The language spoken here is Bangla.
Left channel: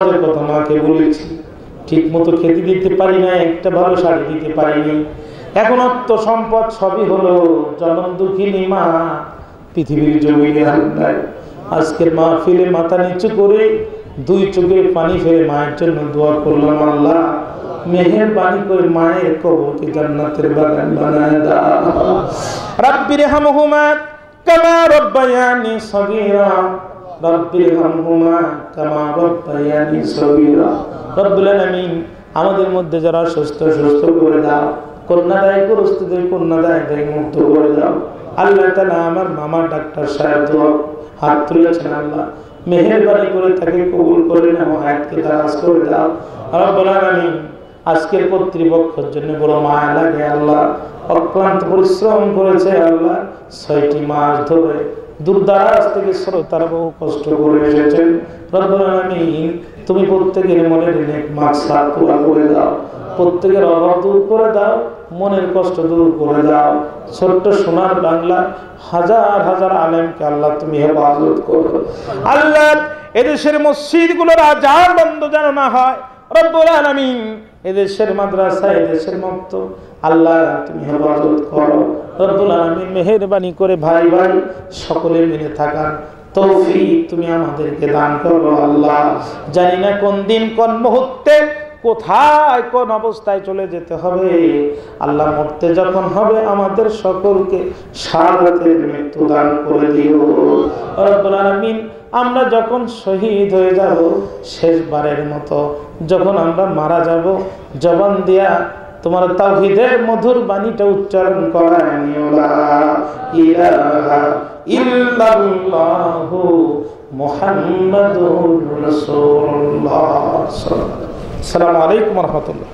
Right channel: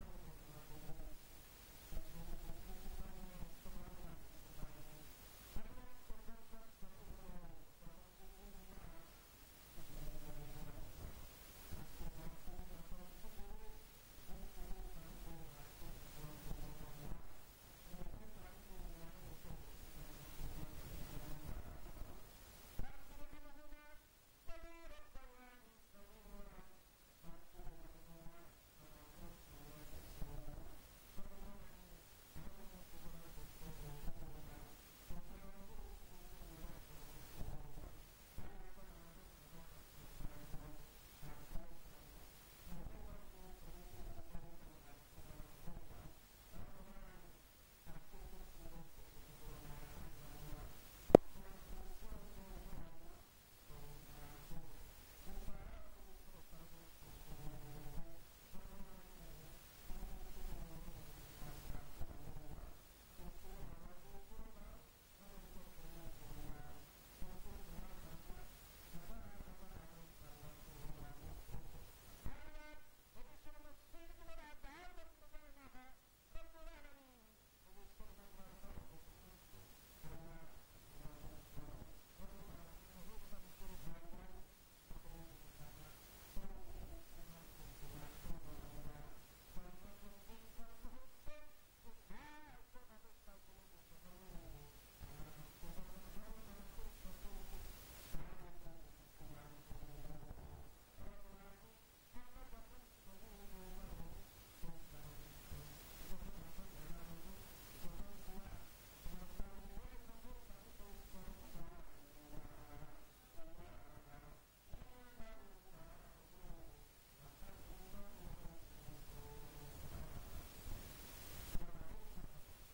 কথা মাকে বলেছি, ঠিক মতো খেতে দিতে পারি না, একটা ভালো শাড়ি দিতে পারিনি। এখন অর্থ সম্পদ সবই হলো, জনম দুঃখিনী মা পৃথিবীর জমিনে আর নাই। আজকের মাহফিলে মাথা নিচু করে দুই চোখে পানি ফেলে মায়ের জন্য দোয়া করলাম, আল্লাহ মেহেরবানি করে মায়ের কবরকে জান্নাতের বাগান বানায় দাও। রাব্বিরহামহুমা কামা রাব্বায়ানি সগীরা, রাব্বিরহামহুমা কামা রাব্বায়ানি সগীরা। রব্বুল আলামিন আমাদের মধ্যে যারা সুস্থ করে দাও, কন্যাদায় পুরুষদের কন্যাদায় মুক্ত করে দাও। আল্লাহ তাআলা আমার মামা ডাক্তার সাহেব দোয়া হাত তুলেছেন, আল্লাহ মেহেরবানি করে তাকে কবুল করে নাও, হায়াতকে দারাজ করে দাও। রব্বুল আলামিন আজকের কর্তৃপক্ষের জন্য বড় মায়া লাগে আল্লাহ, অক্লান্ত পরিশ্রম করেছে আল্লাহ, 6টি মাস ধরে দূরদারাজ থেকে শ্রোতারা বহু কষ্ট করে এসেছেন। রব্বুল আলামিন তুমি প্রত্যেকের মনের নেক মাকসাদ পুরা করে দাও, প্রত্যেকের অভাব দূর করে দাও, মনের কষ্ট দূর করে দাও। ছোট্ট সোনার বাংলা হাজার হাজার আলেমকে আল্লাহ তুমি হেফাজত করো। আল্লাহ এদেশের মসজিদগুলোর আযান বন্ধ যেন না হয়। রব্বুল আলামিন এদেশের মাদ্রাসা, এদেশের মক্তব আল্লাহ তুমি হেফাজত করো। রব্বুল আলামিন মেহেরবানি করে ভাই ভাই সকলে মিলে থাকার তৌফিক তুমি আমাদেরকে দান করো। আল্লাহ জানি না কোন দিন কোন মুহূর্তে কোথায় কোন অবস্থায় চলে যেতে হবে। আল্লাহ মরতে যখন হবে আমাদের সকলকে শাহাদাতের মৃত্যু দান করে দিও। রব্বুল আলামিন আমরা যখন শহীদ হয়ে যাব, শেষবারের মতো যখন আমরা মারা যাব, জবান দিয়া তোমার তাওহীদের মধুর বাণীটা উচ্চারণ করায় নিও, লা ইলাহা ইল্লাল্লাহু মুহাম্মাদুর রাসূলুল্লাহ। আসসালামু আলাইকুম ওয়া রাহমাতুল্লাহ।